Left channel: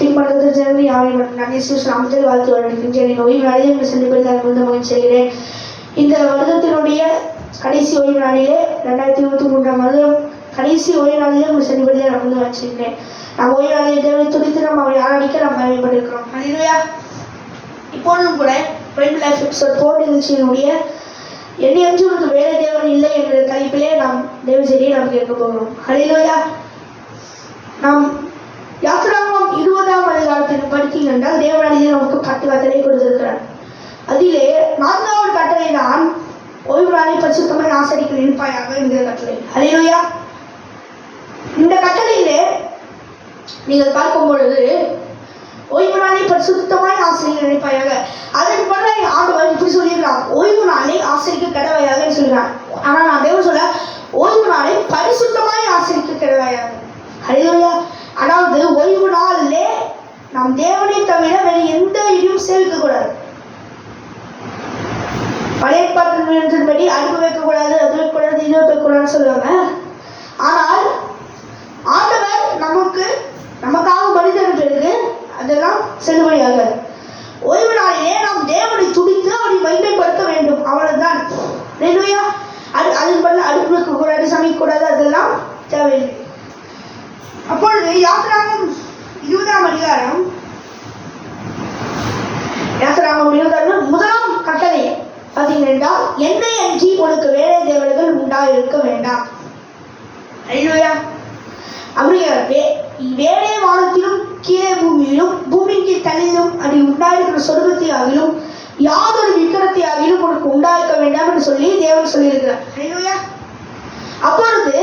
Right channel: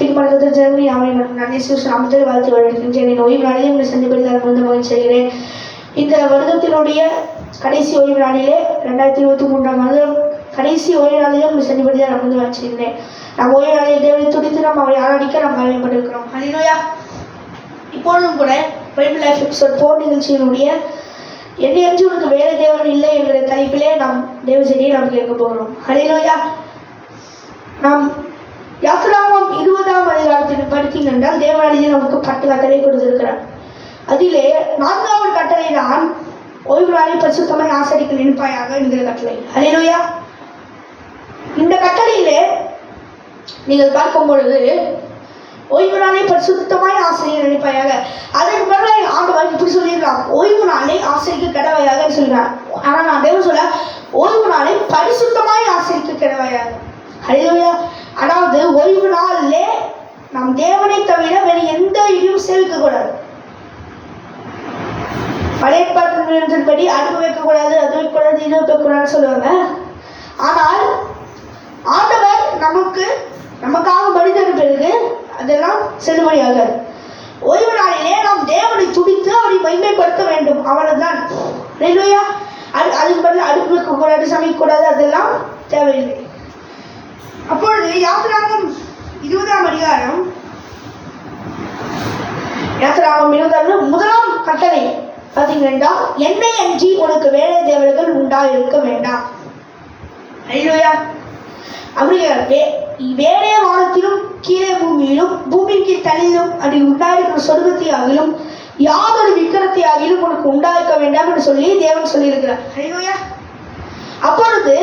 பின்பற்றத்தில் ஜனங்கள் யாவையும் நான் இயேசு நாமத்தில் வாழ்த்து வருகின்றேன். ஓய்வு நாளிலே உங்களை சந்திப்பதில் மகிழ்ச்சி செய்கிறேன். இந்த வருடத்தினுடைய கடைசி ஓய்வு நாளிலே 2023ஆம் வருடம் கடைசி ஓய்வு நாளிலே உங்களை சந்திப்பதில் நான் மகிழ்ச்சி செய்கிறேன். நாம் ஓய்வு நாளில் தேவனை துடித்து நாம் அவரை ஆராதிக்க நாம் அறிவிக்கப்பட்டிருக்கிறோம். ஹல்லேலூயா. இப்பொழுதும் கூட பைபிள் லைஃப் எபிசோட் 4 நிகழ்ச்சியினுடைய என்னை அஞ்சு உனக்கு வேற தேவன் இல்லை என்கிற தலைப்பிலே நாம் தேவ செய்தியை நாம் கேட்க போகிறோம். ஹல்லேலூயா. நாம் யாத்திராகமம் 20ஆம் அதிகாரத்தில் படித்தீங்க என்றால் தேவனாலே நமக்கு 10 கட்டளை கொடுத்திருக்கிறார். அதிலே 4வது கட்டளை தான் ஓய்வு நாளை பரிசுத்தமாய் ஆசரிக்க நினைப்பாயாக என்கிற கட்டளை. ஹல்லேலூயா. இந்த கட்டளையிலே நீங்கள் பார்க்கும் பொழுது ஓய்வு நாளை பரிசுத்தமாய் ஆசரிக்க நினைப்பாயாக, அதற்கு பிறகு ஆண்டவர் இப்படி சொல்லியிருக்கலாம், ஓய்வு நாளை ஆசரிக்க கடவையாக சொல்கிறார். ஆனால் நான் தேவன் சொல்ல ஓய்வு நாளை பரிசுத்தமாய் ஆசரிக்க கடவையாக. ஹல்லேலூயா. அதாவது ஓய்வு நாளிலே நாம் தேவனை தவிர வேறு எந்த இதையும் சேவிக்க கூடாது. பழைய பாட்டின்படி அடுப்பு வைக்கக்கூடாது, அது வைக்கக்கூடாது, இது வைக்கக்கூடாதுன்னு சொல்லுவாங்க. ஆனால் ஆண்டவர் நமக்காக மனிதன் பிறகு அதெல்லாம் செல்லுபடியாகாது. ஓய்வு நாளிலே நாம் தேவனை துடித்து அவரை மகிமைப்படுத்த வேண்டும், அவ்வளவுதான். ஹல்லேலூயா. அதுக்கு பதில் அடுப்பு வைக்கக்கூடாது, சமைக்கக்கூடாது, அதெல்லாம் தேவையில்லை. அப்பொழுது யாத்திராகமம் 20ஆம் அதிகாரம் 1ஆம் கட்டளை பார்த்தீங்கன்னா, என்னை அன்றி உனக்கு வேற தேவர்கள் உண்டாயிருக்க வேண்டாம். ஹல்லேலூயா. அப்படியே வேறே வானத்திலும் கீழே பூமியிலும் பூமியின் கீழ் தள்ளிலும் அது உண்டாயிருக்கிற சொர்க்கத்தை ஆகிலும் யாதொரு விக்கிரத்தை ஆகிலும் உனக்கு உண்டாயிருக்க வேண்டாம் என்று சொல்லி தேவன் சொல்லியிருக்கிறார். ஹல்லேலூயா. அப்பொழுது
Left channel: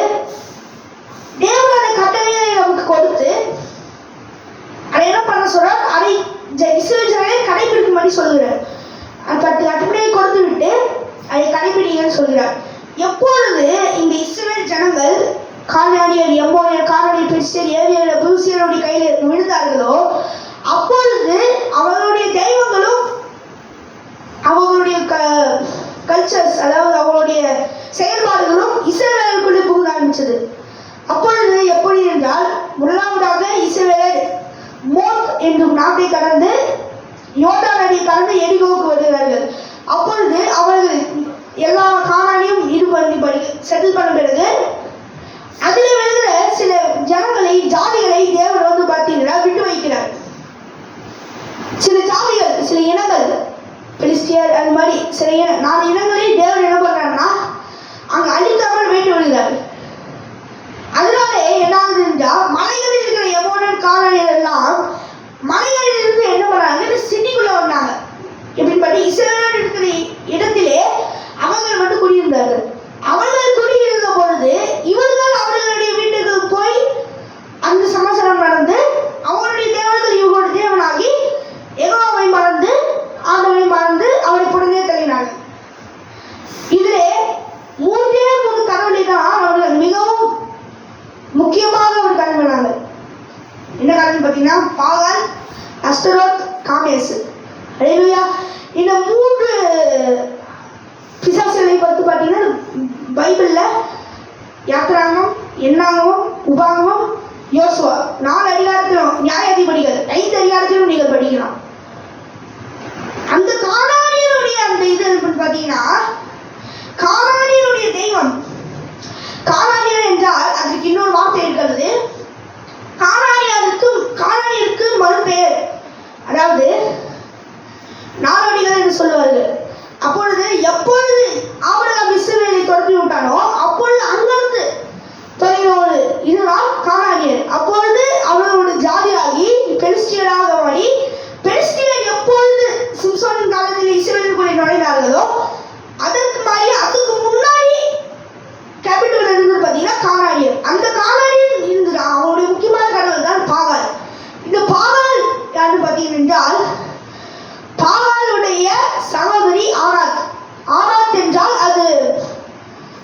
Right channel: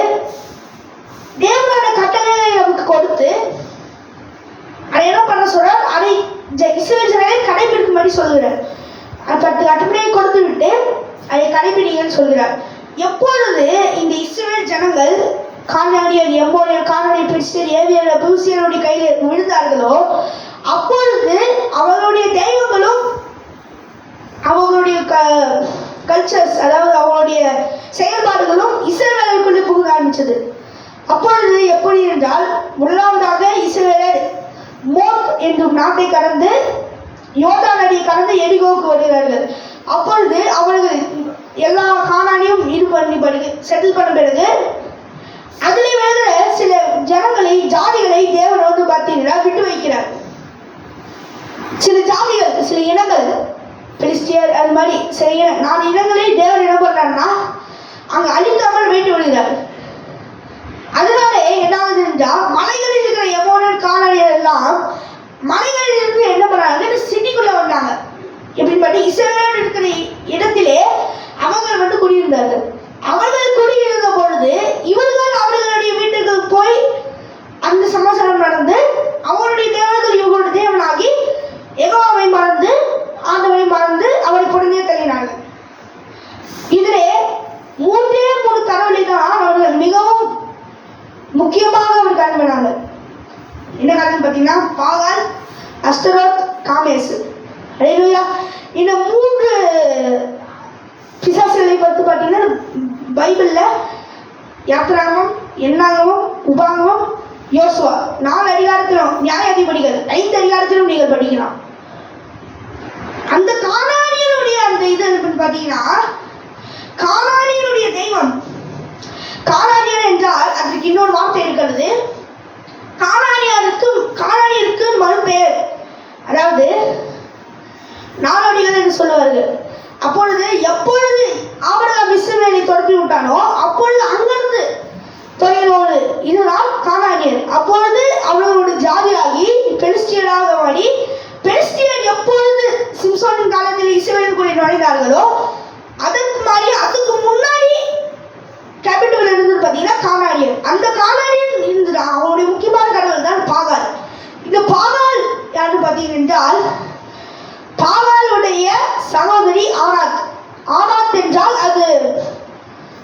தேவனோட கட்டளையை நமக்கு கொடுத்து அதை என்ன பண்ண சொல்றார், அதை இஸ்ரவேல் ஜனங்களை கடைபிடிக்கும்படி சொல்கிறார். அது 10 கட்டளையை கொடுத்து விட்டு அதை கடைபிடிங்கன்னு சொல்கிறார். எப்பொழுது இந்த இஸ்ரவேல் ஜனங்கள் கானானியர், எமோரியர், கானானியர், பெரிசியர், ஏவியர், எபூசியருடைய கையில் விழுந்தார்களோ அப்பொழுது அவர்களுடைய தெய்வங்களும் அவர்களுடைய கல்ச்சர்ஸ், அதாவது அவங்களுடைய செயல்பாடுகளும் இஸ்ரவேலுக்குள்ளே புகுத ஆரம்பிச்சது. அப்பொழுது எப்படி என்றால், முதலாவதாக இஸ்ரவேலர் மோத் என்னும் நாட்டை கடந்து யோர்தான் நதியை கடந்து எரிகோவுக்கு வருகிறார்கள். அப்பொழுது அவர்கள் எல்லா கானானியும் செட்டில் பண்ண பிறகு அதிலே வருகிற சில ஜனங்களை, ஜாதிகளை தேவன் வந்து பார்த்தீங்கன்னா விட்டு வைக்கிறார். சில ஜாதிகள், சில இனங்கள், பெலிஸ்தியர், அது மாதிரி சில 4 இனங்களை தேவன் என்ன பண்றாருன்னா அங்கே அழிக்காமல் வேண்டி வருகிறார். அதனால என்ன ஆகுது என்றால், மலைகளில் இருக்கிற எமோரியர், கானானியர் எல்லாம் மலைகளில் இருந்து என்ன பண்ணாங்க, சிட்டிக்குள்ள வந்தாங்க. எப்படிப்பட்ட இஸ்ரவேல் இருக்கிற இடத்திலே அவர்கள் வந்து குடியிருந்தார்கள். அவர்கள் குடியிருந்த பொழுது இவர்கள் அவர்களுடைய வீட்டுக்கு போய் அந்த சமாசாரம் நடந்து அவருடைய தேவர்கள் இவர்களுடைய தேவனாகி யெகோவாவை மறந்து ஆண்டவரை மறந்து அவரை புறந்தே தள்ளினார்கள். இதிலே 3 கடவுளை தான் அவர்கள் மிகவும் முக்கியமாக அவர் கருவினாங்க. என்ன காரணம் பார்த்தீங்கன்னா, பாகால், அஸ்தரோத், காமேசு. ஹல்லேலூயா. இந்த 3 பிசாசுகளை பற்றி பார்த்தீங்கன்னா பைபிளில் யாத்திராகமம், எண்ணாகமம், உபாகமம், யோசுவா 4 அதிகாரத்திலும், நியாயாதிபதிகள் 5 அதிகாரத்திலும் நீங்கள் படிக்கலாம். அந்த கானானியருடைய அந்த இது பார்த்தீங்கன்னா, கானானியருடைய தெய்வம், கானானியர் என்றால் அதற்கு இன்னொரு வார்த்தை இருக்கிறது. கானானியருக்கு மறுபெயர், அதாவது நாடோடிகள் என்று சொல்லுவார்கள். அப்பொழுது எப்பொழுது ஆபிரகாம் இஸ்ரவேலை துரத்தி விட்டானோ அப்பொழுது அங்கிருந்து தொலைவோடு இதுதான் கானானியர். அப்பொழுது அவர்களோட ஜாதியாகி பெலிஸ்தியராக மாறி, பெலிஸ்தியர் எப்பொழுது சிம்சோனின் காலத்தில் இஸ்ரவேலுக்குள்ளே நுழைந்தார்களோ அதற்கு மாதிரி அதுக்கு முன்னாடி கேபிட்டல் இருந்தது பார்த்தீங்கன்னா கானானியர். அந்த கானானியர் இருந்தது அவங்களுடைய முக்கியமான கடவுள் தான் பாகால். இந்த பாகால் யாருன்னு பார்த்தீங்க என்றால், பாகாலுடைய சகோதரி ஆனாத். ஆனாத் என்றால் அது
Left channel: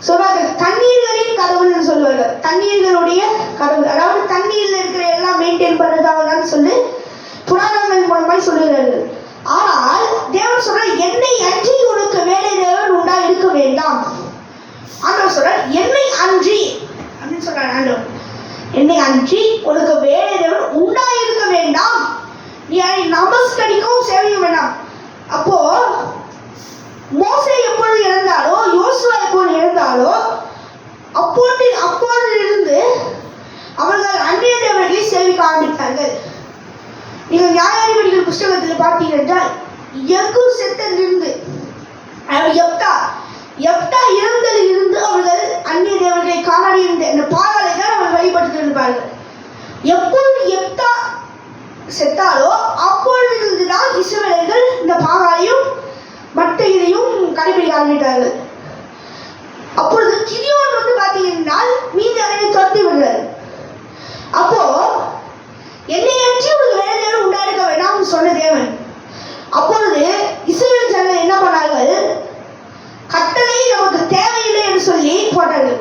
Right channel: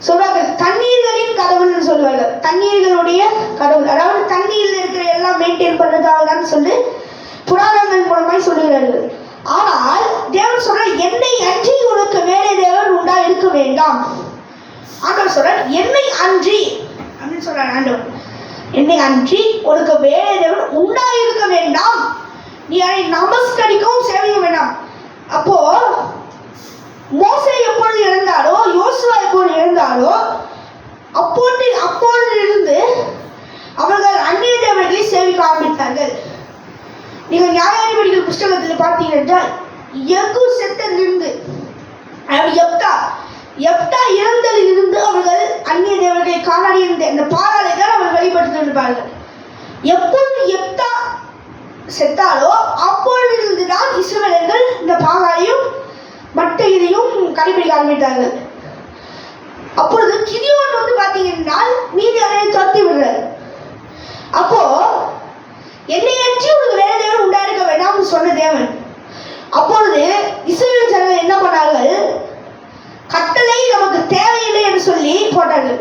சொல்வார்கள் தண்ணீர்களின் கடவுள்னு சொல்வார்கள். தண்ணீர்களுடைய கடவுள், அதாவது தண்ணீரில் இருக்கிற எல்லாம் மெயின்டைன் பண்ணுறதாக தான் சொல்லி புராணங்கள் மூலமாய் சொல்லுகிறார்கள். ஆனால் தேவன் சொல்ற, என்னை அன்றி உனக்கு வேறே தேவன் உண்டா இருக்க வேண்டாம். ஆண்டவர் சொல்றார், என்னை அன்றி அப்படின்னு சொல்றார் ஆண்டவர். என்னை அன்றி உனக்கு வேறே தேவன் உண்டா இருக்க வேண்டாம் நமஸ்கரிக்கவும் சேவையும் வேண்டாம். அப்போ மோசே எப்பொழுது இறந்தாரோ, யோசுவா எப்பொழுது இறந்தாரோ, அப்பொழுதிலிருந்து அவர்கள் அந்நிய தேவர்களை சேவிக்க ஆரம்பித்தார்கள். நீங்கள் நியாயாதிபதிகள் புஸ்தகத்தில் பார்த்தீங்கன்னா எகு செத்ததிலிருந்து எப்தா இறந்ததில் இருந்து அவர்கள் அந்நிய தேவர்களை காணாடி இருந்த இந்த பாகாலை தான் அவர்கள் வழிபட்டு இருப்பார்கள். எப்பொழுது எப்தா செத்தாலோ அப்பொழுதிலிருந்து தான் இஸ்ரவேலர்கள் இந்த பாகாலையும் மற்ற இதையும் கடைபிடிக்க ஆரம்பித்தார்கள். அப்பொழுது கிதியோன் வந்து பார்த்தீங்கன்னா மீதியானவரை துரத்தி விடுறாரு. அப்போ என்னை அன்றி ஒரு வேற தேவன் உண்டாயிருக்க வேண்டாம் சொன்ன தேவன். அப்பொழுது இஸ்ரவேல் ஜனங்கள் என்ன பண்ணார்கள்? கட்டளை நமக்கு தேவையில்லை என்று சொல்லி போட்டார்கள்.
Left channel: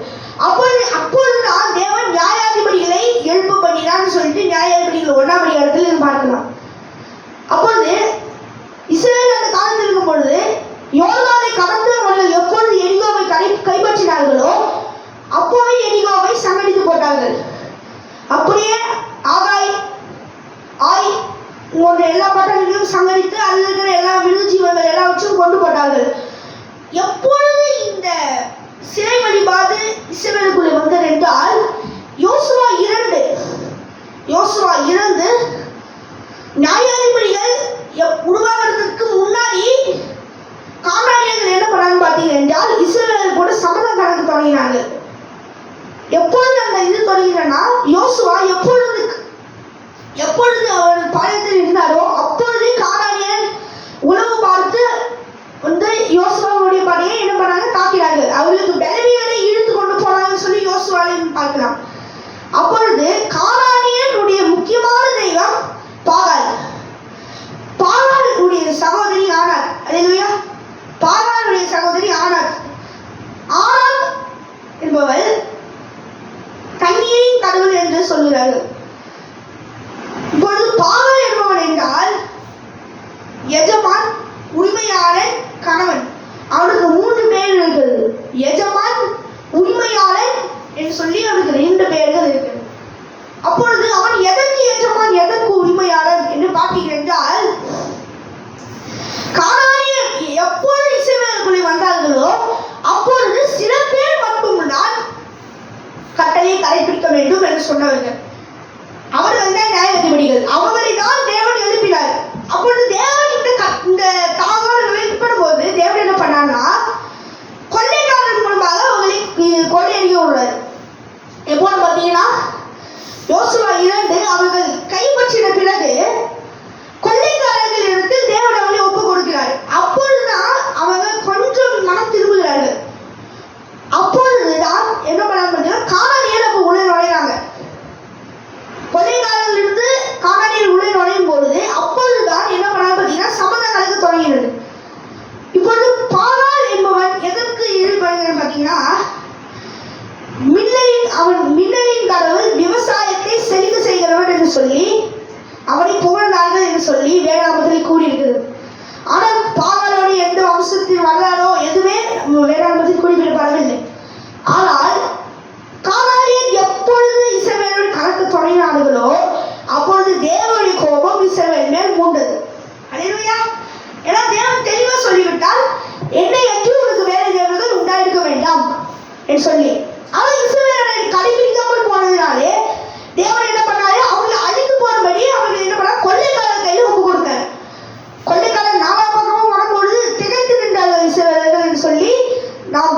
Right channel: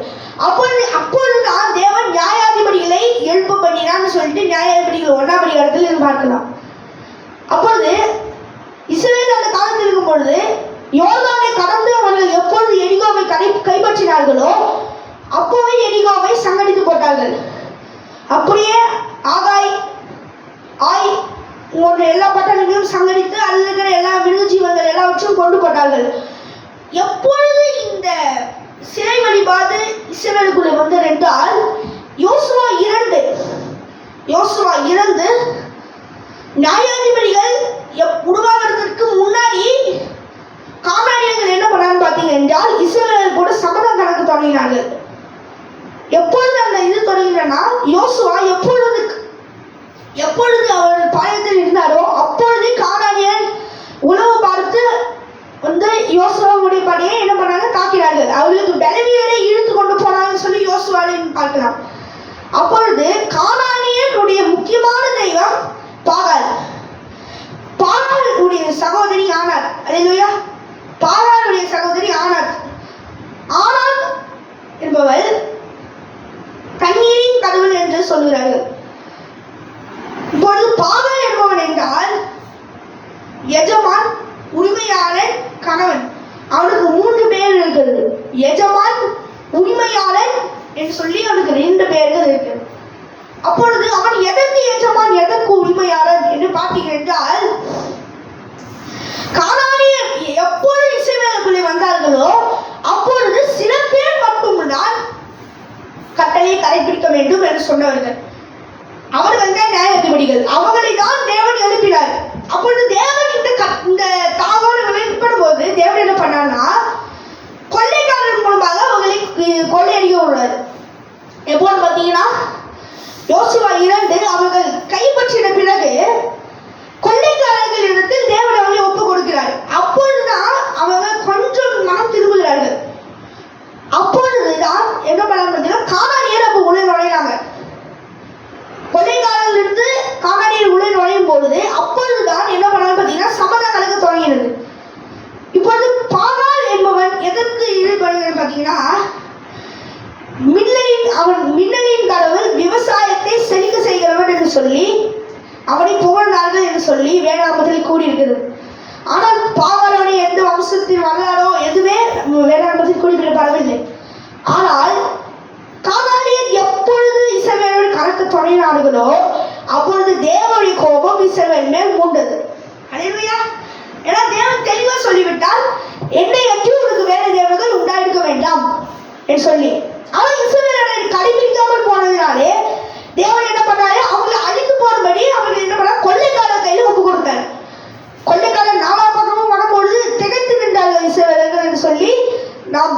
அப்பொழுதுதான் தேவன் நியாயாதிபதிகளை எழுப்ப பண்ணினான்னு சொல்லிட்டு நியாயாதிபதிகள் 1ஆம் அதிகாரத்தில் பார்க்கலாம். அப்பொழுது இஸ்ரவேல் அந்த காலத்தில் இருக்கும் பொழுது யோர்தானை கடந்து அவர்கள் எப்பொழுது எரிகோவை கைப்பற்றினார்களோ அப்போவே எரிகோவை சங்கடித்து போட்டார்கள். அப்படியே ஆய் போன்ற எல்லா பட்டணங்களையும் சங்கடித்து அதில் இருக்கிற எல்லா மிருக ஜீவன்கள் எல்லாவற்றையும் கொண்டு போட்டார்கள். எப்பொழுது இந்த சிலை வழிபாடு இஸ்ரவேலுக்குள்ளே வந்தது என்றால் யோசுவா இறந்து நியாயாதிபதிகள் உருவாகிறதுக்கு முன்னாடி கானானியர்கள் என்ன பண்ணாங்க பார்த்தீங்க என்றால் இஸ்ரவேல் கூட சமதம் கணக்கு தொடங்கினார்கள். எப்பொழுது அந்த இது தொடங்கினா யோசுவா எப்பொழுது அவர் பாளையத்தில் இருந்தாரோ அப்பொழுதே கானானியர் உளவு பார்த்து வந்து யோசுவாவுடைய படையை என்ன பண்ணாங்க? தாக்கிறார்கள். அவர்களுக்கு பலவீனரை இழுத்து கொண்டு போனாங்கன்னு சொல்லி யோசுவாவையும் பார்க்கலாம். அப்பொழுது கானானியருடைய முக்கியமான தெய்வம் பாகாலுடைய சகோதரி ஆனார். அல்லேலூயா. பாகாலுடைய சகோதரி ஆனார் என்பவள் தண்ணீரின் கடவுள் என்று சொல்கிறார்கள். இப்பொழுது பாகால் என்பவன் என்றால் எஜமான், உரிமையாளன், கணவன். அவனுக்கு 3 பேர் இருக்கிறது. எஜமான், உரிமையாளன் என்று சொல்லி அவனுக்கு 2 பேர்கள் இருக்கு. அப்பொழுது அவன் எதற்கு எஜமான் எதற்கு உரிமையாளன் என்று பார்த்தீர்கள் என்றால் கானானியர் எப்பொழுது இஸ்ரவேலுக்குள்ளே வந்தார்களோ அப்பொழுது சில பேர் மட்டும்தான் கட்டளையை கடைபிடிக்க வேண்டும் என்று சொன்னவர்கள். அவர்கள் தான் நியாயாதிபதிகள். அவர்களை தான் தேவன் எழுப்பினார். அப்பொழுது தேவன் இந்த தாகோடுகளை பண்ணும்போது தேவன் என்ன பண்ணார்னா கொள்ளைக்காரன் மூலமாக அவர்களை கொள்ளையடிக்க விடுறாரு. எப்போது பார்த்தீங்கன்னா யோசுவா 2 அவர்கள் கைப்பற்றின பிறகு கொள்ளைக்காரர்கள் இடத்தில் தேவன் அவர்களை ஒப்பு கொடுக்கிறார். அப்பொழுதுதான் அவர்கள் கொஞ்சம் மனம் திரும்புகிறார்கள். அப்பொழுதுதான் என்ன பண்ண கானானியர் அப்போ உள்ளே நுழைகிறாங்க. கொள்ளைக்காரர்களிருந்து கானானியர் உள்ளே நுழையும் பொழுது அப்பொழுதுதான் என்ன பண்ணாலும் பார்த்தீங்கன்னா சம்மதம் கலக்க தொடங்கினது. இப்பொழுது பாகால் என்பவன் எதற்கு ஈடுபடுகிறான் பார்த்தீங்கன்னா மின்னலின் கடவுள் விவசாயத்தை செழிக்க செய்கிறவன் என்று சொல்லி அவனை புகழ்ந்தார்கள் என்று சொல்லி வேதாகமத்தில் கூறியிருக்கிறது. ஆனால் பாகாலோடைய எந்த வம்சத்தின் வரலாறோ எதுவே வேதாகமத்தில் குறிப்பிடப்படவில்லை. ஆனால் கானானியர் எப்பொழுது இஸ்ரவேலோடு கணக்கு தொடங்கினார்களோ அப்பொழுது தேவனுடைய கோபம் இஸ்ரவேல் மேல் மூண்டது. அல்லேலூயா. ஏன்னா தேவன் தெளிவா சொல்லிவிட்டால் என்னை அன்றி உனக்கு வேற தேவர்கள் உண்டாயிருக்க வேண்டாம் என்று சொல்லி. ஆனால் இஸ்ரவேலரை கடைபிடிக்காமல் போனதினாலே தேவன் என்ன பண்ணாரு? அவங்களை அழித்து போனபடி அவர்கள் என்ன பண்ணார்? கொள்ளைக்காரர் கையில் ஒப்பு கொடுத்தார். கொள்ளைக்காரர் 4ஆம் பக்கமும் வரும்பொழுது திகைத்து நின்றார்கள் இஸ்ரவேலர்கள் என்று சொல்லி நாம்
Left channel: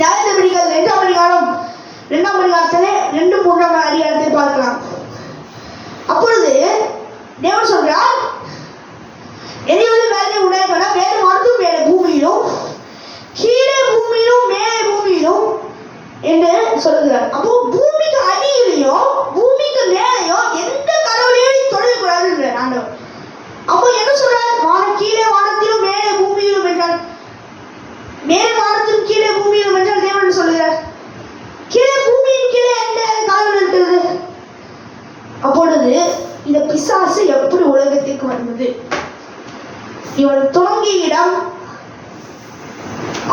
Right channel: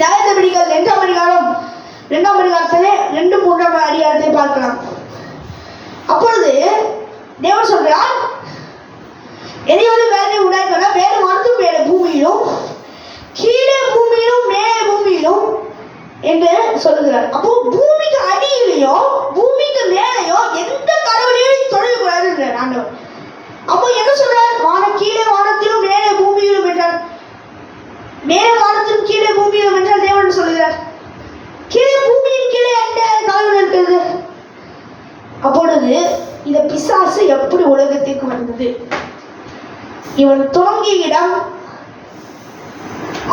நியாயாதிபதிகள் 2ஆம் அதிகாரத்திலே 2-3ஆம் அதிகாரத்தை பார்க்கலாம். அப்பொழுது தேவன் சொல்றார் எதையோடு வேலை உண்டாயிருக்க வேறு மருத்துவம் மேலே பூமியிலும் கீழே பூமியிலும் மேலே பூமியிலும் என்று சொல்லுகிறார். அப்போ பூமிக்கு அடியிலையும் பூமிக்கு மேலேயும் எந்த கடவுளையும் தொடரக்கூடாது ஆண்டவர். அப்போ என்ன சொல்றார்? கீழே வானத்திலும் மேலே பூமியிலும் என்றால் மேலே வானத்திலும் கீழே பூமியிலும் என்றால் தேவன் சொல்லுகிறார். கீழே பூமியின் கீழே எந்த கடவுள் இருக்கிறது? அப்பொழுது இந்த பிசாசு எப்படி உலகத்திற்கு வந்தது? இவன் துவங்கிய இடம்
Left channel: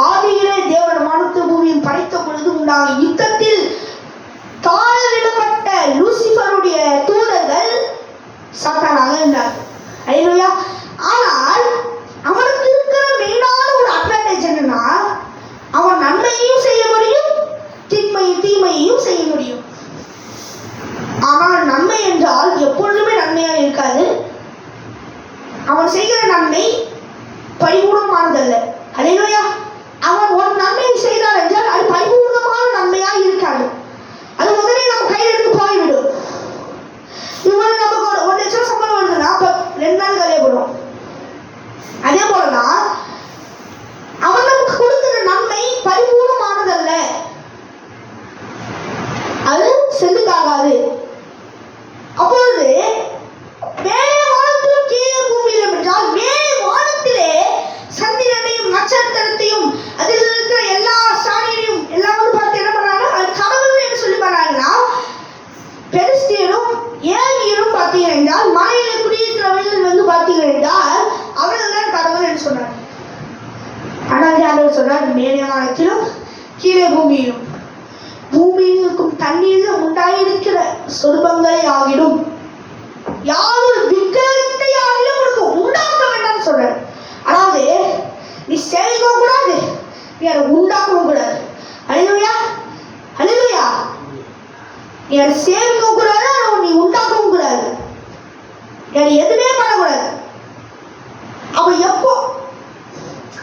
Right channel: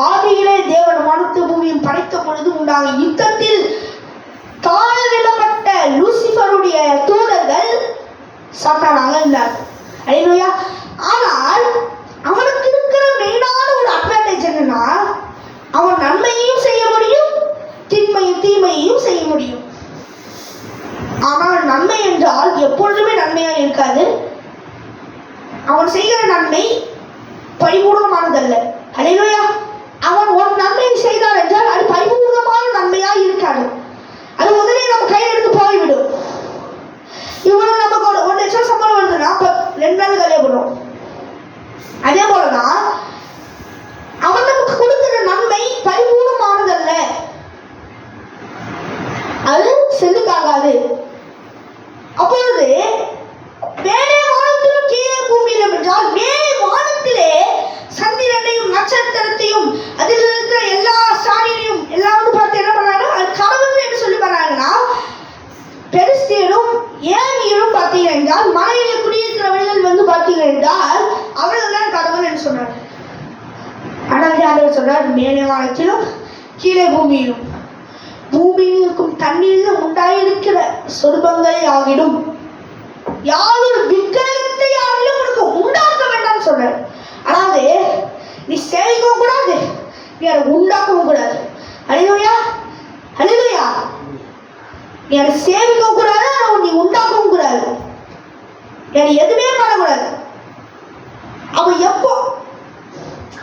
ஆதியிலே தேவன் வானத்து பூமியும் படைத்த பொழுது உண்டான யுத்தத்தில் தாழவிடப்பட்ட லூசிபருடைய தூதர்கள் சாத்தானாக இருந்தார். அவன் செய்கிற நன்மை பரிபூர்ணமானதல்ல. அல்லேலூயா. அவன் ஒரு நன்மையை செய்தார் என்றால் அது பரிபூர்ணமான நன்மையாக இருக்காது. அது உடனே நம்ம கையில் எடுத்து போய்விடும். இவன் நமக்கு 1 லட்சம் சம்பளம் வருதுன்னா 2 நாள் கல்யாணம் பண்ணுவோம். அதே போலதான் அவன் நமக்கு கொடுக்கிற நன்மை பரிபூர்ணமானதல்ல, அது செல்லுக்காகாது. அப்பொழுது மேலே வானத்திலும் கீழே பூமியிலும் என்றால் மேலே வானத்திலே சந்திரனையும் நட்சத்திரத்தையும் அதில் இருக்கிற எல்லா ஸ்டாரையும் எல்லாம் பார்த்து என்ன பண்ணாங்க, அது கடவுள் என்று சொல்லி பண்ணாங்கன்னா, பெலிஸ்தியரும் ஏமியரும் பார்த்தீங்க என்றால் மலையிலே குடியிருக்கிறவர்கள் வந்து பார்த்தீங்க என்றால் அவர்கள் தான் கடவுள் என்று சொன்னார். ஆனால் ஆண்டவர் சொன்னார், மேலே வானத்திலும் கீழே பூமியிலும், பூமியில் இருக்கும் தண்ணீரில் உண்டாயிருக்கிற சொர்பங்களை ஆகிடும் யாரும் விக்கிரகத்தை ஆகிலும் உனக்கு உண்டாக்க வேண்டாம் சொன்னார். அதாவது நீ சேவிக்கவும் கூடாது, நீ அதை உண்டாக்கவும் கூடாது. அல்லேலூயா, அல்லேலூயா. நீ அதை சேவிக்கவும் கூடாது, நீ உண்டாக்கவும் கூடாது, நீ எதுவுமே பண்ணக்கூடாது.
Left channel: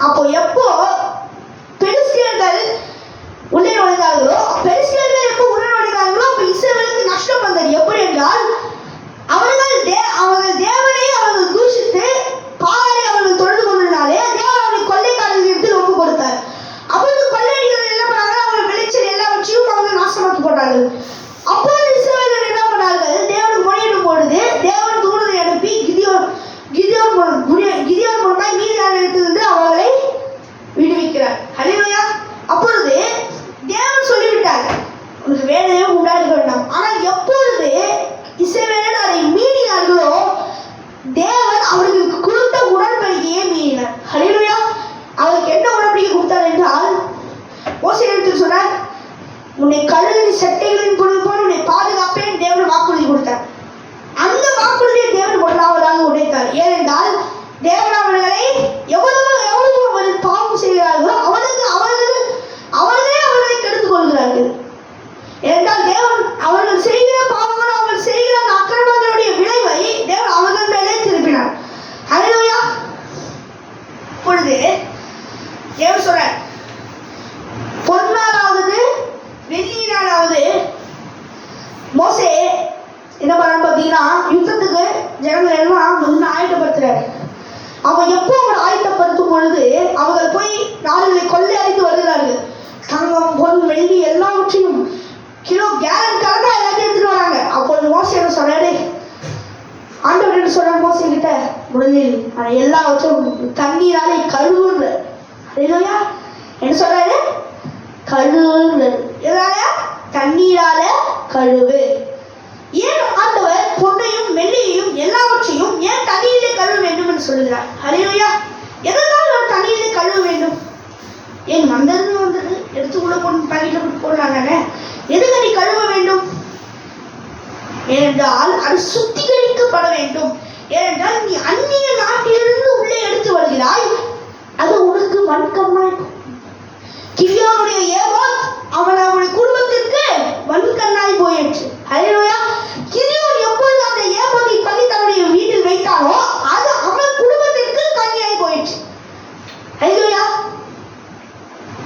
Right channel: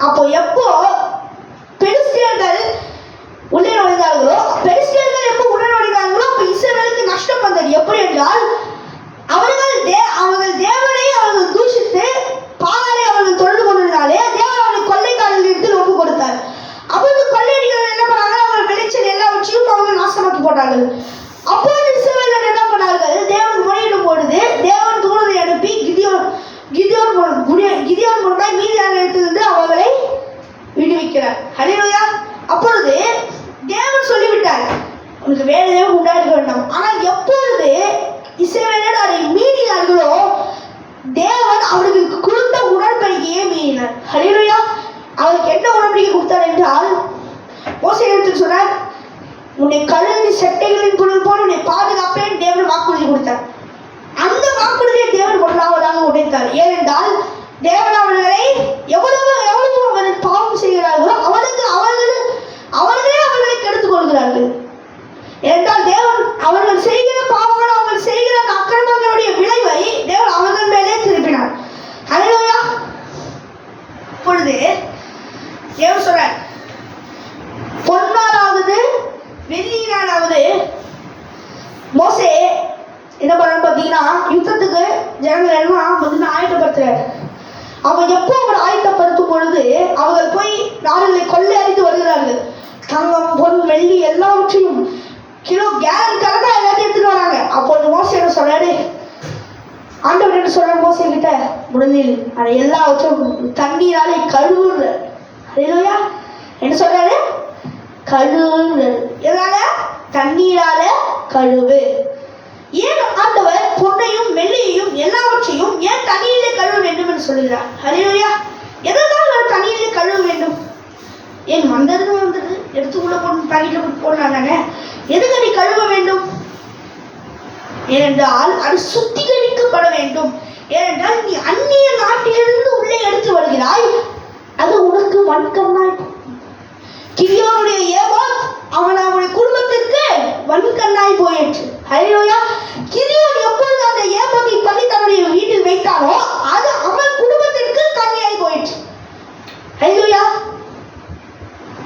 அப்போ எப்போ பெலிஸ்தியர்கள் உள்ளே நுழைந்தார்களோ, பெலிஸ்தியர்கள் எப்போ உள்ளே நுழைந்தார்களோ அப்போ இஸ்ரவேலுக்கு நஷ்டம் வந்தது. எப்படி என்றால் அவர்கள் தேவனை அவர்கள் தூஷித்து பாலை அவர்கள் தொழுது கொண்டிருந்தாலே தேவன் அவர்களை கொள்ளைக்காரர்கள் எடுத்து ஒப்பு கொடுத்தார். அவர்கள் கொள்ளையடிகள் என்ன பண்ணாங்க, அவர்கள் விளைச்சல் எல்லாவற்றையும் அவர்கள் நாசமாக்கி போட்டார்கள். அப்போது இஸ்ரவேலர்கள் என்ன பண்ணார்கள், தேவன் முறையிடும் பொழுது தேவன் தூதரை அனுப்பி கிதியோன் மூலமாய் மீதியான இடத்திலிருந்து அவர்களை விடுவிக்கிறார். அல்லேலூயா. அப்பொழுது தேவன் சொல்லிவிட்டார், உனக்கு வேலையே உண்டாக்க வேண்டாம். ஆனால் எப்பொழுது இஸ்ரவேலர் அதை மீறினார்களோ தேவன் அவர்களுக்கு கொடுத்த உடன்படிக்கையை மீறினார். அல்லேலூயா. அவருக்கு என்ன உடன்படிக்கை கொடுத்தார் என்றால், மோசேயிடத்தில் சொன்னார், உன்னை கழுவி சட்டைகளின் பொருள் போல் உன்னை பாதுகாப்பேன் தேவன் வாக்குறுதி கொடுத்தார். அந்த வாக்குறுதியை தேவன் முதலாவதாக உடைத்தார். ஏனென்றால் தேவன் அவர்களை எவ்வளவு அவர்கள் பாவம் செய்கிறார்களோ அவர்களே அவர்களை கெடுத்துக் கொள்கிறார்கள். ஏனென்றால் தேவன் அவர்கள் செய்கிற பாவங்கள், அவர்கள் செய்கிற அக்கிரமங்களுடைய விளைவை தேவன் அவர்கள் மேலே திருப்பினார். அல்லேலூயா. இப்பொழுது தேவன் சொல்றார், பொன்னாலாவது வெள்ளியினாலாவது மோசே என்ன பண்ணான்னு பார்த்தீங்கன்னா, யுத்தத்துக்கு ஜனங்கள் எல்லாம் வந்து ஆயத்தப்படுத்துறாரு. அவன் எப்போ அவர் ஆயத்தப்படுத்தும் பொழுது அவர்கள் போய் நாடுகளை கொள்ளை அடித்து வருகிறார்கள். தங்கம், பொன், வெள்ளி எல்லாவற்றையும் கிலோ கேலன் கணக்காக எல்லாத்தையும் எடுத்துட்டு வராங்க. அப்பொழுது மோசே என்ன சொல்றாரு, ஆண்டவர் என்ன சொல்றாரு மோசே கிட்ட, முடிஞ்சில் அதை எல்லாவற்றும் தண்ணீராலே கழுவுற. அல்லேலூயா. என்ன சொல்றாரு, கழுவுறது. எதால? தண்ணீரால கழுவு. ஏன் ஆண்டவர் பொன்னையும் வெள்ளியையும் எல்லாவற்றையும் ஏன் தண்ணீரிலே கழுவ வேண்டும் என்று சொல்கிறார்? அல்லேலூயா. எதனால் ஒரு தண்ணீரிலே கழுவ வேண்டும்? ஏன் வந்தது எடுத்துக்குள்ள போட்டு பாக்கெட்ல போட்டு போடலாங்க, எதுக்கு நீ கழுவ வேண்டும்? ஏனென்றால் அது சுத்திகரிக்கப்பட வேண்டும். ஏனென்றால் நீ அந்நிய நாட்டிலிருந்து உள்ளே எடுத்து வருகிறாய், அது உனக்கு வன்கண்ணாய். கிதியோனுடைய ஏபோத் அவனுடைய குடும்பத்திற்கு வன்கண்ணாய் போயிற்று. அல்லேலூயா. கிதியோன் எப்பொழுது அந்த ஏபோத்தை பண்ணி தன்னுடைய வீட்டில் வைத்தானோ அது அவன் குடும்பத்திற்கு கண்ணியாய் போயிற்று. அல்லேலூயா.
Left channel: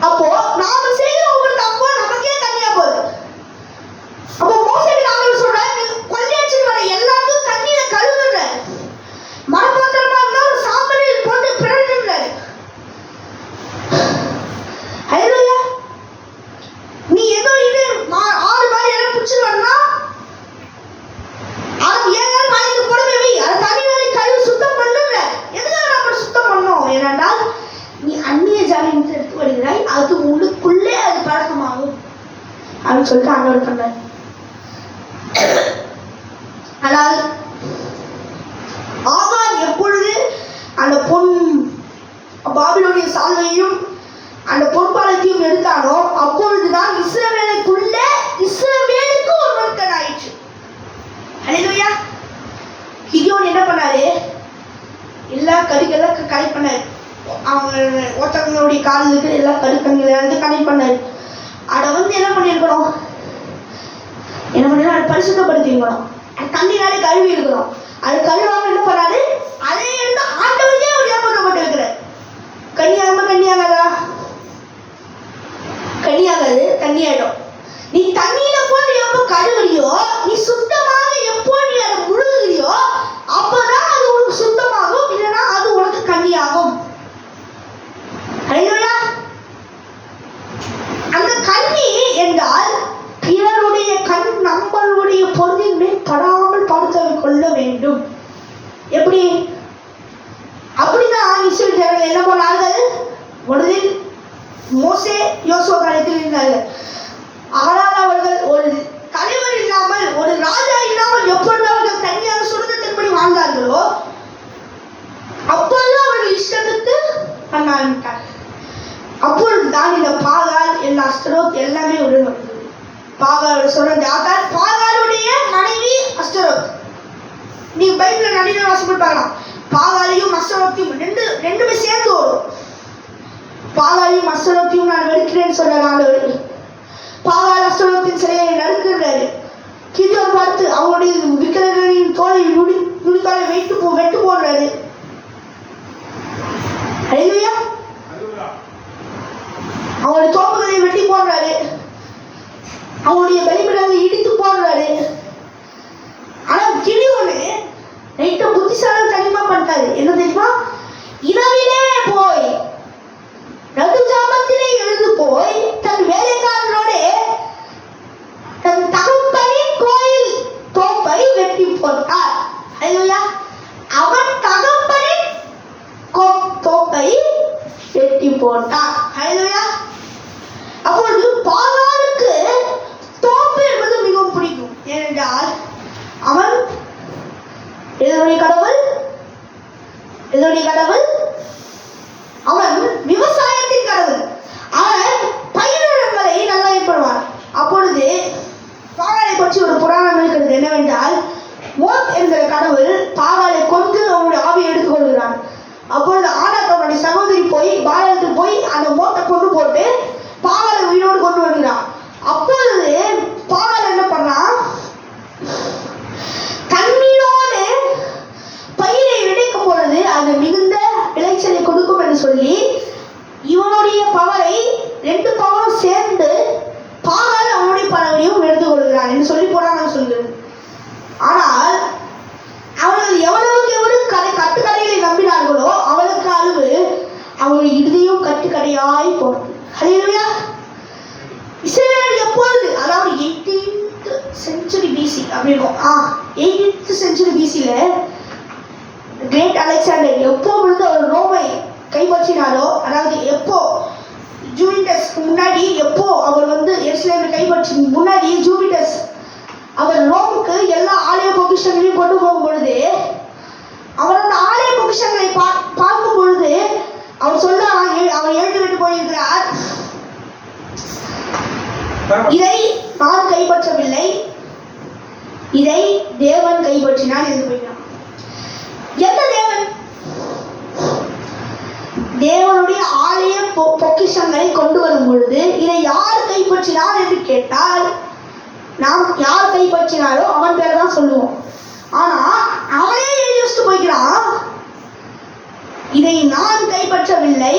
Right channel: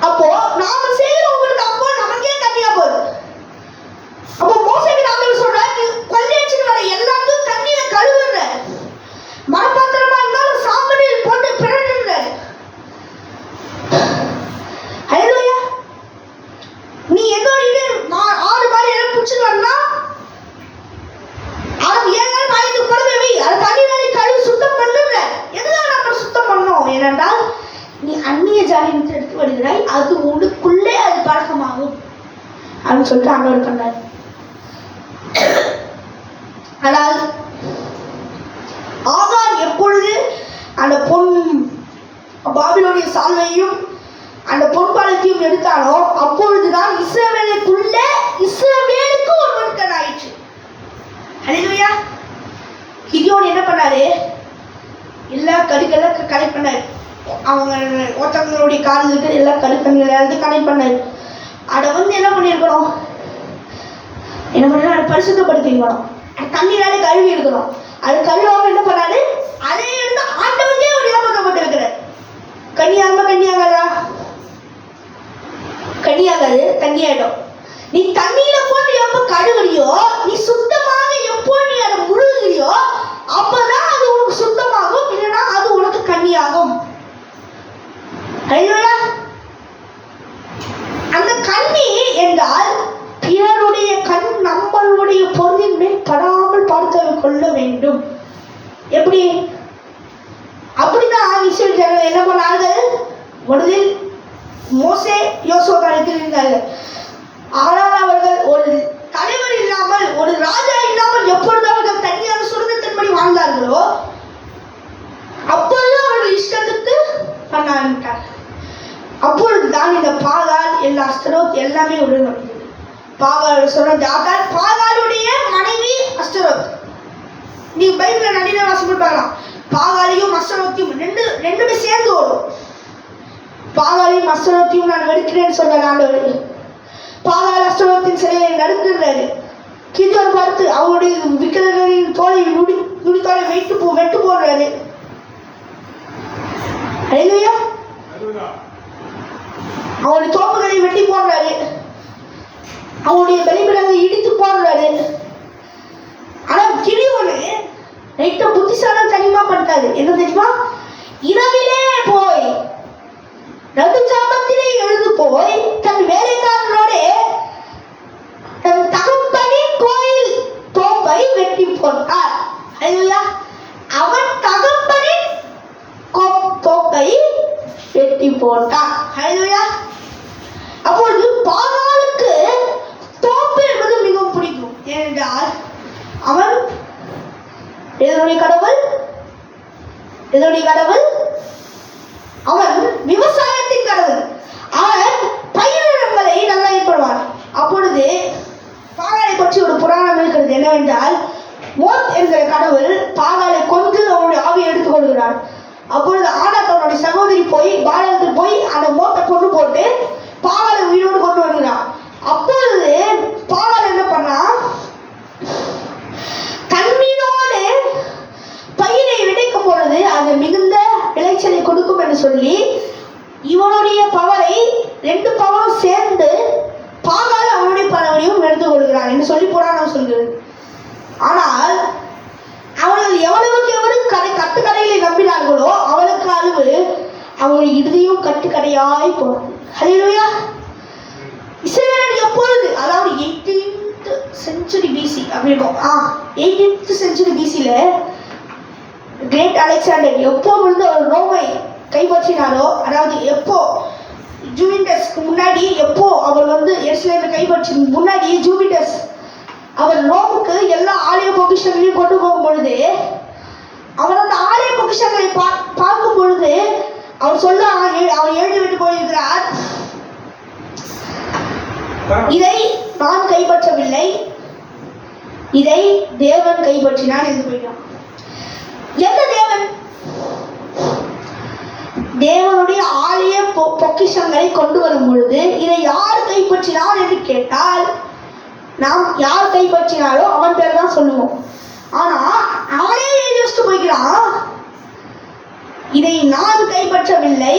அப்போ நாம செய்யற ஒவ்வொரு தப்போ நமக்கே கண்ணியா போகுது. அப்போ மோசேக்கு நாங்கள் சொல்றாரு, கொள்ளையடிச்சு வர எல்லாத்தையும் தண்ணியில கழுவுற, மரபாத்திரமா இருந்தாலும் சாம்பலில் போட்டு பிறந்துடுற. அல்லேலூயா. நீ ஏதோ இது 6 பால் எல்லாம் பிடிச்சிட்டு வரனா அது ஏங்க நாளைக்கு போடவே அது தண்ணியில கழுவி சுத்தம் பண்ணுற. எதுக்காக நம்ம சுத்தம் பண்ணணும்? ஏனென்றால் நீ அந்நிய ஜாதியிலிருந்து எடுத்து வருகிறாய், அது உனக்குள்ளே அது பழக்கமாகும் அப்படின்னு சொல்லிட்டு ஆண்டவர் பண்ணார். ஆனால் ஆகார் எப்பொழுது அந்த பொன் பாபிலோனிய சால்வையும் அந்த பொற்பாலத்தையும் எடுத்தானோ அப்பொழுதுதான் இஸ்ரவேலுக்கு ஒரு மன்கண் ஆயிற்று. அல்லேலூயா. கிதியோன் என்ன பண்ணாரு, எல்லா கடுகளை கனெக்ட் பண்ணாரு. அவங்க ஒருத்தவங்களுடைய காதுக்கு எல்லா கடுக்கங்களை கனெக்ட் பண்ணாரு. அதை என்ன பண்ணியிருக்கணும், என்ன பண்ணா அதை பரிசுத்தப்படுத்தி இருக்கணும், தண்ணீராலே கழுவி இருக்கணும். அது கழுவாம என்ன பண்ணாரு, அதை எடுத்து வேண்டும். எப்படி? அப்படிதான் இஸ்ரவேல் ஜனங்கள் என்ன பண்ணார்கள்? முதலில் மோசே யோசுவா காலத்தில் இருந்தார்கள். ஆனால் அவர்கள் ஒரு தலைவர் இல்லாமல், ஒரு ராஜா இல்லாமல் எப்பொழுது அவர்கள் தனியாக சுதந்திரத்தின்படி வாழ்ந்தார்களோ அப்பொழுது அவர்கள் இஷ்டத்துக்கு பண்ண ஆரம்பித்தார். அப்பொழுதுதான் இந்த பாகால் எல்லா அஸ்தரோத் எல்லாமே உருவாகிறது. பாகால் சொன்னது ஆகால், பாகாலுடைய மனைவி அஸ்தரோத். நீங்க பைபிள்ல நிறைய வாசிப்பு பார்க்கலாம். பாகாலையும் அஸ்தரோத்தையும் ரெண்டுமே சேர்ந்து வரும். பாகாலையும் அஸ்தரோத்தையும் நான் வெறுக்கிறேன்னு சொன்ன ஆண்டவர் பாகால் அஸ்தரோத்தின் சிலையை நறுக்கிறாரு. கிதியோன் பார்த்து அவருடைய விக்கிரகங்களின் தோலை நுடிக்காலை வெட்டு போடுறாரு. அல்லேலூயா. அவருடைய தோப்புகளை வெட்டி போடுறாரு. அவருடைய பலிபீடங்களை இடித்து போடுறாரு. ஆனா கிதியோன் ரைட்ட புத்திசாலி தனிமா பண்ணிட்டாரு. என்ன தெரியுமா? இரவிலே போய் நடுஜாமத்திலே எழுந்து போய் தன் வேலைக்காரனோட தன் தகப்பனின் கோயில் தோப்பை வெட்டி போட்டார். அல்லேலூயா. அவன் தகப்பனின் தோப்பை வெட்டி போட்டான். அல்லேலூயா. அப்பொழுது பாகாலுக்கு தோப்பு என்பது மிகவும் பிடிக்கும். ஏனென்றால் அவன் எதனுடைய கடவுள்? அவன் விவசாயத்தின் கடவுள். அவன் பயிரிடங்களை நல்லா ஏற்படுவான். அப்பொழுது பாகாலை பற்றி ஒரு புராணம் இருக்கிறது. என்னவென்றால் மோத் என்கிற கடவுள் பாகாலை கொண்டு அவனுடைய ஆவியை எடுத்துக் கொள்கிறான். அப்பொழுது ஆனாக் அவனுடைய சகோதரி போய் பாகாலுக்கு போய் அந்த மோத்தை கொண்டு போட்டு பாகாலை உயிரோடு கொண்டு வருகிறான். அப்பொழுது பாகால் என்ன பண்ணான்? தண்ணீரோடு பயிரை விதைக்கும் பொழுது அது மிகுந்த விளைச்சலை கொடுக்கும் என்று சொல்லி இவனுடைய பவரை 2 பவரும் சேர்ந்து பாகால் அவனுடைய பவரையும் எடுத்துக் கொள்கிறான் என்று சொல்லி போறான் சொல்கிறது. ஆனால் அவர்கள் எவ்வளவுக்கு கட்டுக்கடைகளை நம்பினார்களோ அவளுக்கு அளவு அவனுடைய இறுதியும் கட்டுக்கடையாய் போனது. அல்லேலூயா. இஸ்ரவேல் எப்பொழுது, அதாவது 18th century BC அப்படின்னா 18th century BCல கிரேட் அலெக்சாண்டர் எப்பொழுது அவர் ரோமை கைப்பற்றினாரோ, அதாவது எப்போ ஜூபிட்டஸ்க்கு முன்னாடி, எப்போ அவர் எருசலேமை கைப்பற்றி முன்னாடி ஜூபிட்டஸ் அவர் ரோமுக்கு எல்லா ஆலய பொக்கிஷங்களையும் கொண்டு போகும் பொழுது அவர் அந்த ஆலய பொக்கிஷங்களை பார்க்கும் பொழுது அவர் எழுதி விட்டு போயிருக்கிறார், இதை நான் கைப்பற்றவில்லை, இதை தேவன் கைப்பற்றினார் என்று போயிட்டான். எந்த தேவன்? தேவனுடைய ஆலய பொக்கிஷங்களை கொண்டு வரும் பொழுது இதை யார் கைப்பற்றினார் என்று கேட்டால் நாம் யார் கைப்பற்றினாரோ அவன் பேர் தான் சொல்லுவோம். ஆனா அவனே எழுதி வச்சுட்டு போய்க்கிறான், இதை நான் கைப்பற்றவில்லை,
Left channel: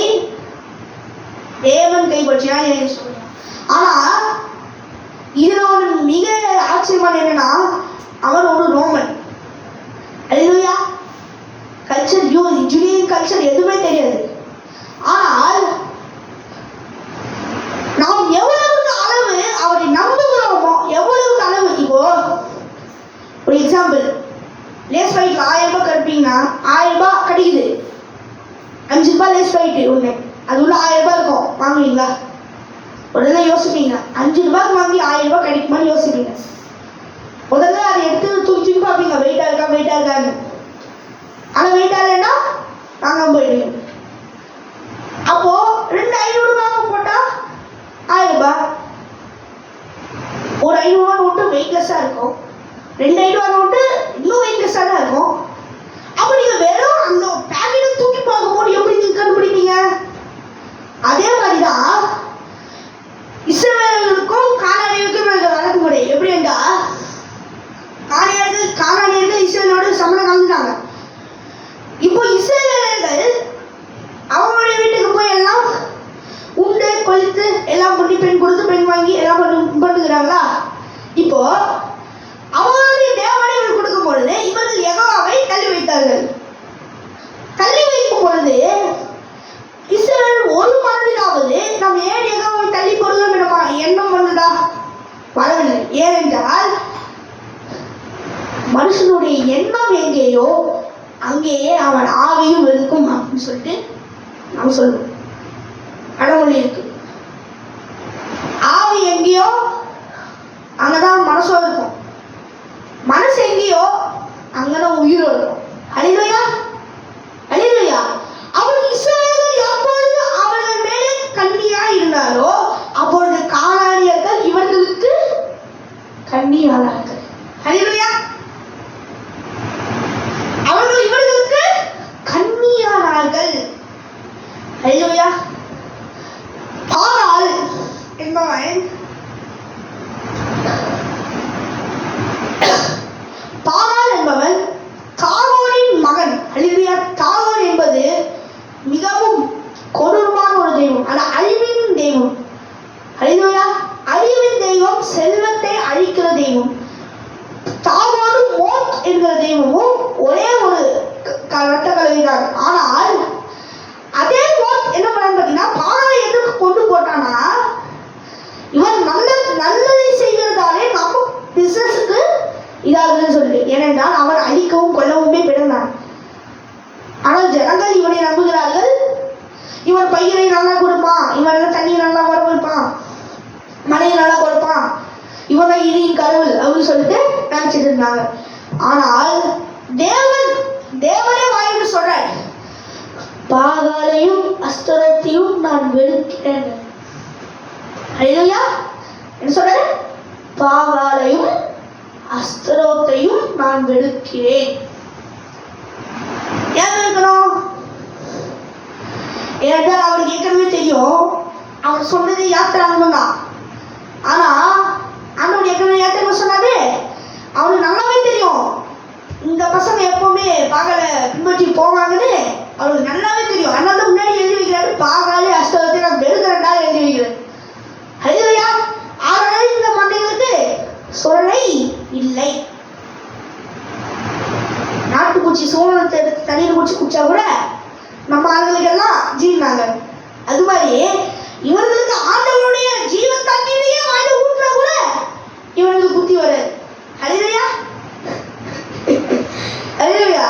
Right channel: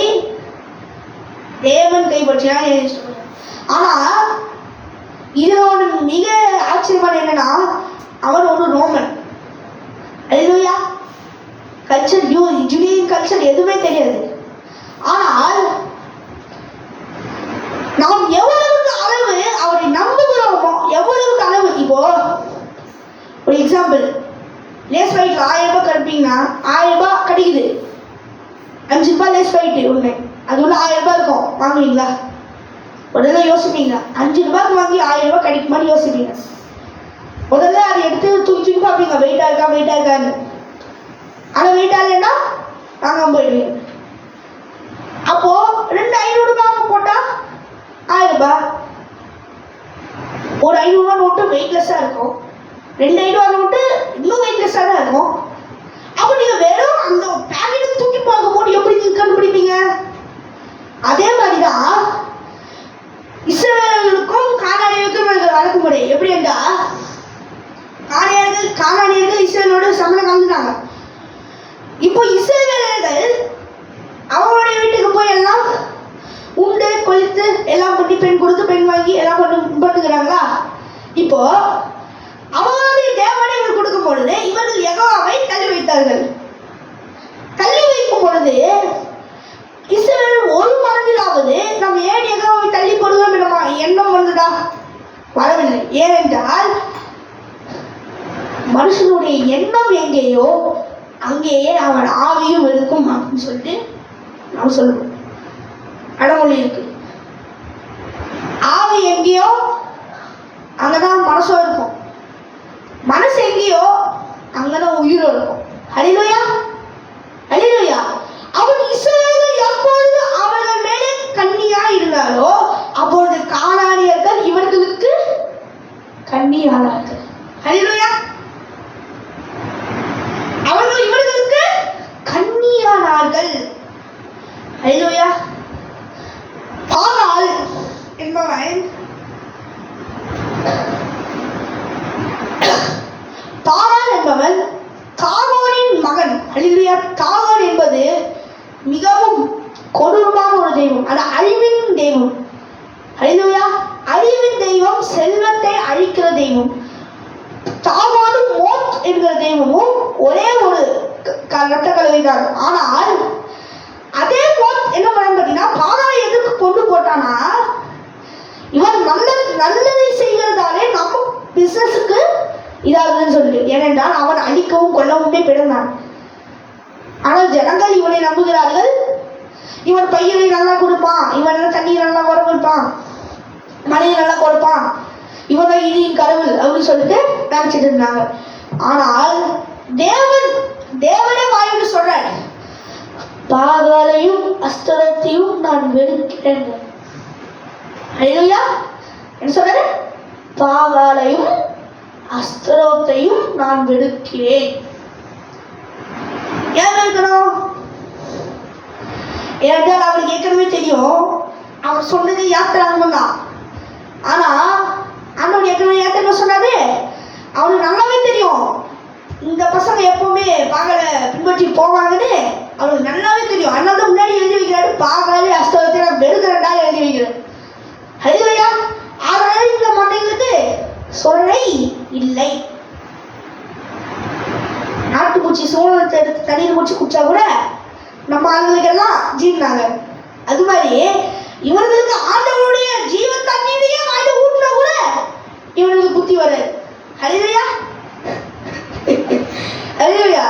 தேவன் கைப்பற்றினார் எழுதி வச்சுட்டு போய்க்கிறான். ஆனா இதுல ஒரு மிக ஆச்சரியமான என்னன்னா, அவன் ஒரு ரோமன். அல்லேலூயா. கல்ச்சர், ஜூடியன் கல்ச்சர் எதுவுமே தெரியாது. ஆனால் நாம் எவ்வளவுக்கு அளவு அவரை நம்புகிறோமோ, எவ்வளவுக்கு அளவு. இப்போ ஒரு எக்ஸாம்பிள், லேஸ் ஃபைட்ல 1000 ரூபாய் கிடைப்பீங்கன்னா 1000 ரூபாய் கிடைக்குது, 5 ரூபாய் லேஸ் ஃபைட்டு ஒன்று, அது உள்ள 1000 ரூபாய் இருக்கும், வாங்குவீங்களா? முதல்ல யோசிப்பீங்க, 5 ரூபாய்க்கு வாங்கி 1000 ரூபாய் கிடைக்குமான்னு யோசிப்பீங்க. முதல்ல அதை எடுத்து தூக்கி பார்ப்பீங்க, வெயிட்டா இருக்கான்னு. ஆனால் வெயிட்டா இல்லைன்னா வாங்காம போயிடுவீங்க. அப்போ 2500 வாங்க போட்டா 1000 ரூபாய். ஒரு 500 ரூபாய் நோட்டு வெயிட்லெஸ்ஸா இருக்கும், 2500 ரூபாய் நோட்டு இன்னும் வெயிட்லெஸ்ஸா தான் இருக்கும். அப்போ நீங்க வெறும் அந்த பேக்கெட்டை தூக்கி பார்க்கும்போது எப்படி நீங்க கண்டுபிடிப்பீங்க? அதே மாதிரிதான் இஸ்ரவேலர்களுக்கும் கானானியருக்கும் வழக்கு முறை எப்படி என்றா, கானானியர்கள் இஸ்ரவேலோட சம்மதம் கலந்துட்டாங்க. இப்போ இஸ்ரவேலர்கள் அவங்களுடைய வீட்டுக்கு போய் எல்லாம் உண்டு கொளுத்து எல்லாம் பண்ணி பெண் கொடுத்து பெண் வாங்கி எல்லாம் பண்ணுகிறாங்களா? இப்போ அவங்களுடைய தேவனை கொடுக்கும் பொழுது இவர்கள் யெகோவாவை எங்கேயோ அங்கேயே அவன் ஆவியும் இருக்கும் அப்படின்னு சொல்லிட்டு நாம் சொல்லுவோம். அடமொழி இருக்கு. ஆவி எங்கேயோ அங்கதான் மனசும் இருக்கும், மனசு எங்கேயோ அங்கதான் உயிரும் இருக்கும். ஹல்லேலூயா, ஹல்லேலூயா. அவன் இஸ்ரவேல் எப்பொழுது அவர்கள் மேலே கண்ணியா இருந்தாலோ அப்பொழுது கானானியர்கள் இவர்களுக்கு கண்ணியானார்கள். ஹல்லேலூயா. அவர்கள் இவர்களுக்கு கண்ணியானார்கள். ஹல்லேலூயா. பாகால் என்பவன் தாகோனின் மகன். ஹல்லேலூயா. தாகோன் என்பது மிகவும் கொடூரமான ஒரு தெய்வம், அது அழிவின் தெய்வம். ஹல்லேலூயா. அழிவின் தெய்வம், செல்வத்தை அழிக்கிற தெய்வம். தாகோனும் மோத் என்கிற தெய்வமும் ஒரே ஒரு ரத்த கலவைதான். ஆனால் அதே மோத் என்ன பண்ணான்னு பார்த்தீங்கன்னா, பாகாலை எதுக்கு கொண்டு போட்டானா, இவன் நல்லதை செய்கிறதாலே நம்ம பிசினஸுக்கு இதாகுதுன்னு சொல்லி. ஏனென்றால் அவன் அழிக்கவும் கொல்லவுமே பிறந்தான். ஆனால் ஜனங்கள் இவனை நம்புகிறார்கள். இவன் பயிரை நல்லா கொடுப்பான், இவன் தண்ணீர் நல்லா வரவிருப்பான், மழையை நல்லா கொடுப்பான், இவன் தான் இடியின் கடவுள் அப்படின்னு சொல்லிட்டு நினைச்சிட்டு இருந்தாங்க. ஆனால் தேவனே வாயிட்டு சொல்றார், பாகாலையும் அஸ்தரோத்தையும் நான் வெறுக்கிறேன். ஹல்லேலூயா. என்ன சொல்றாரு? பாகாலையும் அஸ்தரோத்தையும் நான் வெறுக்கிறேன். ஏன் வெறுக்கணும்? ஏனென்றால் அவருக்கு ஏற்கனவே தெரியும், அவர் சொன்னது யாத்திராங்கம் தான். ஆனா ஆண்டவர் ஏற்கனவே யாத்திரை சொன்னாரு, அவனுக்கு நல்லாவே தெரியும் இந்த பசங்க எப்பவுமே பாகலை பின்பற்றி போவாங்கன்னு அவருக்கு நல்லாவே தெரியும். அதனால தான் முன்னாடி எழுதி வைக்கிறாரு, பாகாலே அஸ்தவத்தை நான் வெறுக்கிறேன்டா எழுதி வைக்கிறேன். ஹல்லேலூயா. ஆனால் இந்த மண்டைகளுக்கு சொல்லை இல்லை. நாட்டுப்பூச்சி சோழத்தை எடுத்து தண்ணீர் பூச்சி குடிச்சா கூட நம்ம ஆளுங்களுக்கெல்லாம் ஜீர்னாங்க. அது மாதிரி இவர்களுக்கு ஆண்டவருடைய ஜீவ தண்ணீரையே வாயில ஊற்றினா கூட இவர்களுக்கு புத்தி வராது. ஹல்லேலூயா, ஹல்லேலூயா.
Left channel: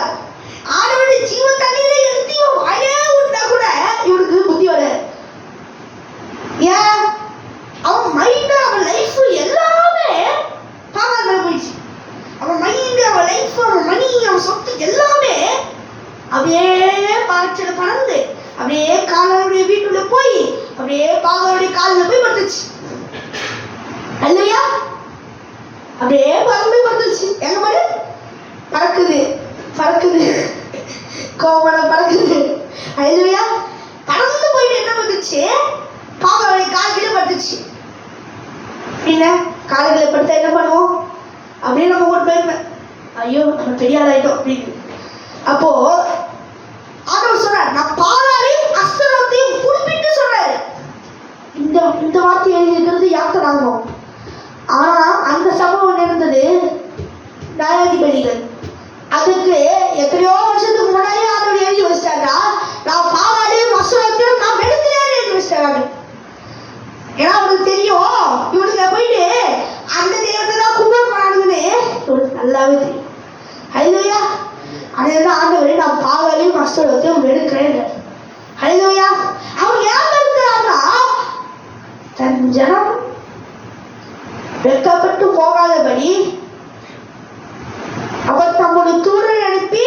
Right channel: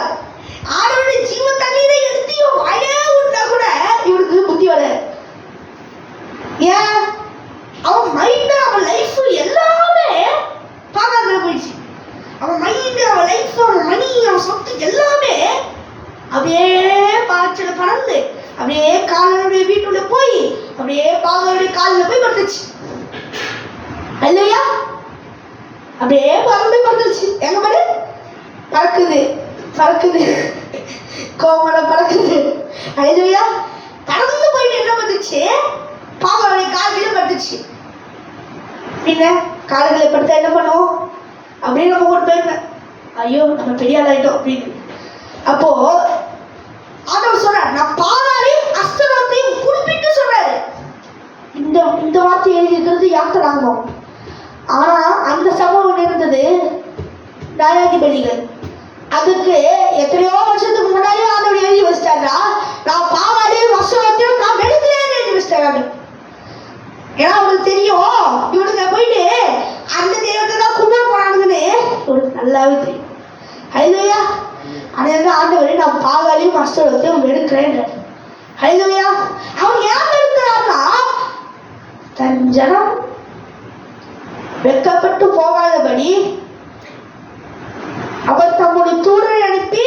ஆண்டவருடைய ஜீவ தண்ணீரை எடுத்து இவன் வாயிலே ஊற்றினா கூட இவனுக்கு புத்தி வராது. ஏன்? அவன் மைண்ட், அவன் லைஃப் எல்லாமே பாகால போயிடுச்சு. அவன் மைண்ட், அவன் லைஃப், அவன் மணி, அவன் சொத்து எல்லாமே அப்படியே பாய்ச்சல பறந்து அப்படியே காலனுடைய வீட்டுள்ள போய் அப்படியே பாகாலுடைய காலில் போய் படுத்துச்சு. அல்லையா? அப்படியே பறந்து பறந்துச்சு. எங்க பாரு, பறக்குது பறக்குது, கோமலம் பறக்குது. அல்லையா? பறந்து போயிட்டு என்ன பண்ணுச்சு, பாகாலுடைய கால்களே படுத்துச்சு. பின்ன கால்களை படுத்தா என்ன பண்ணுவோம்? அப்படியே நம்ம ஓட்டு போயிருந்தேன், ஐயோ நம்ம பெரிய ஆளாயிட்டோம் அப்படின்னு. அப்போ ஆண்டவர் சொல்றார், நான் பாகாலையும் அஸ்தரோத்தையும் குறிப்பிட்டு சொல்றாரு. இந்த வார்த்தை எழுதியிருக்கிறது யாத்திராங்கம். ஆனா அந்த சம்பவம் இருந்தது நியாயாதிபதிகள். அதுக்கு எத்தனையோ வருஷத்துக்கு முன்னாடி ஆண்டவர் எழுதி வச்சிட்டாங்க, நான் பாகாலையும் அஸ்தரோத்தையும் நான் வெறுக்கிறேன்னு எழுதி வச்சிட்டாங்க. ஏன்னா அவங்களுக்கு தெரியும் இவனுக்கு போயிட்டு அந்த தெய்வத்தை தான் கும்பிட போறானுங்கன்னு இவனுக்கு நல்லாவே தெரியும். ஹல்லேலூயா. அதனால ஆண்டவரே நான் பாகாலையும் அஸ்தரோத்தையும் வெறுக்கிறேன். ஹல்லேலூயா. அவன் ஏன் வெறுக்கிறான்னா, தன் ஜனம் வெட்கப்பட்டு போகாதபடி அவர் தம்முடைய தூதரை அனுப்பி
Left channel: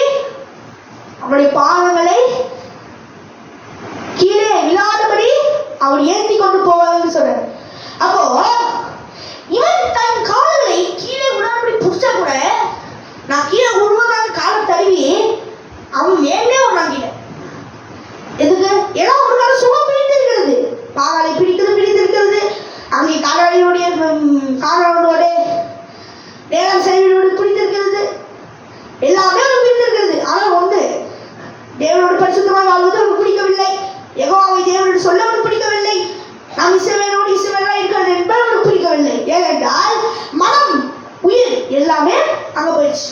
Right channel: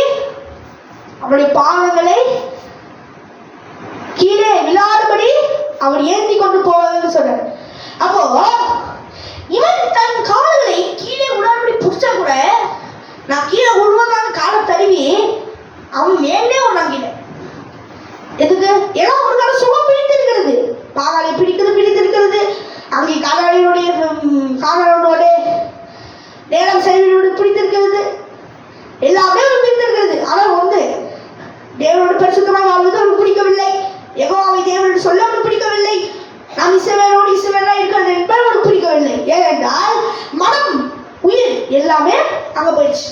அவருடைய பாதங்களை கீழே விழாதபடி அவர் ஏந்தி கொண்டு போவாங்கன்னு சொல்றாரு. அப்போ இவன் தன் கால்களை கீழே விடாதபடி புடிச்சா கூட, நான் கீழே விழுவதாக காலை தழுவி அவன் மேலே வந்தாங்க. எதுக்கு? ஏன்னா ஒரு கால சுகம் பிடித்திருக்கிறது, பாகாலை பிடித்திருக்கிறது, அங்கே காலாளியோடைய காலாளோட நேரம் செயலோடு பிடித்திருக்கிறது, எல்லாமே அவன் பிடித்திருக்கிறது. ஆனால் ஒன்று, தேவனோடு பரிசுத்தமாக வாழ்வது அவனுக்கு பிடிக்கவில்லை, யெகோவாவை தேவனோடு சொல்ல அவனுக்கு பிடிக்கவில்லை, நாம் இஸ்ரவேலோடு இஸ்ரவேலா இருக்கிறது என்பது அவனுக்கு பிடிக்கவில்லை. ஏனென்றால் மனம், உயிர் எல்லாமே அங்க போயிடுச்சு.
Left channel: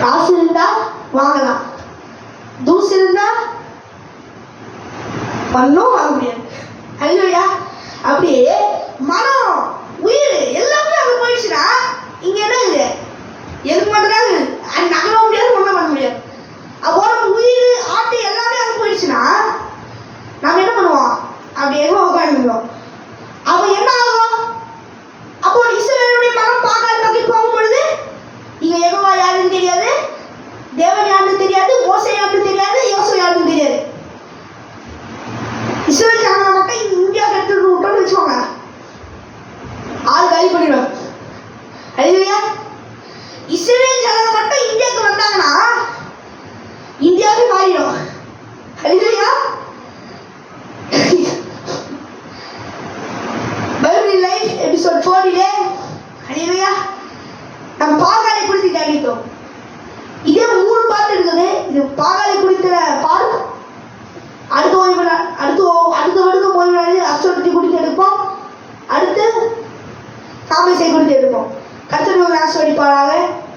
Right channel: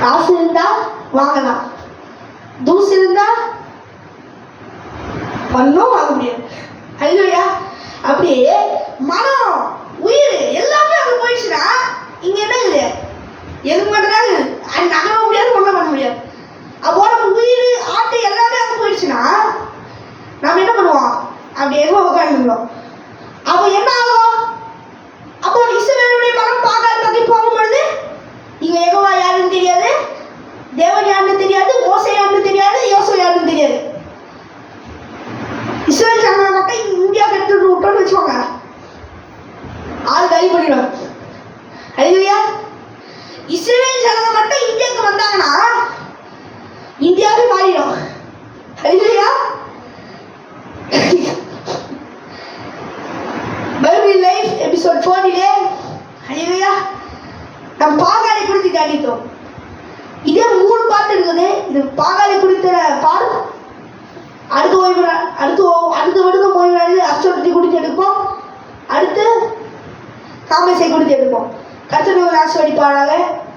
காசு இருந்தா வாங்கலாம், தூசு இருந்தா ஒன்னும் வாங்க முடியாது. அல்லையா? அப்படியே மனம், உயிர் எல்லாமே அங்க போயிடுச்சுன்னா இங்க என்ன இருக்குது? எதுக்கு மாட்டேறாங்க, அது நகர முடியாது, ஒன்றும் பண்ண முடியாது. அப்போ நம்ம உயிர் ஆட்டு எல்லாமே அங்கே போயிடுச்சுன்னா நம்ம என்ன பண்ணுவோம்? அப்படி எதுவும் உட்காந்துருந்தோம். அப்போ என்ன ஆகும்? அப்போ இஸ்ரவேலுடைய மகன் பாகால் பக்கி போகும்பொழுது இங்க யெகோவா யாருன்னு தெரியாது, தேவன் யாருன்னு தெரியாது, மோசே யாருன்னு தெரியாது, யோசுவா யாருன்னு தெரியாது. இஸ்ரவேல் ஜனங்களை மட்டும் இந்தியாவுக்கு எடுத்துட்டு விட்டோம்னு வச்சுக்கோங்க, ஆள் காலி பண்ணிடுவாங்க. அல்லேலூயா. இஸ்ரவேல் ஜனங்க மட்டும் இந்தியாவுக்கு வந்தாங்கன்னா இந்தியாவே மாறிடும். அல்லேலூயா. பைபிள் லைஃப் எபிசோட் 4 அல்லேலூயா நம்ம பாகாலை குறித்து தியானித்தோம். இதே 3 பாட்டு இருக்குது. இது பாகாலை குறித்த பாடம். அடுத்த வருடம் ஓய்வு நாளில் அஸ்தோரத்தை குறித்து எடுப்போம். அடுத்து காமேசை குறித்து எடுப்போம். கர்த்தர் ஆசீர்வதிப்பாராக.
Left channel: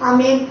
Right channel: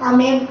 ஆமென்.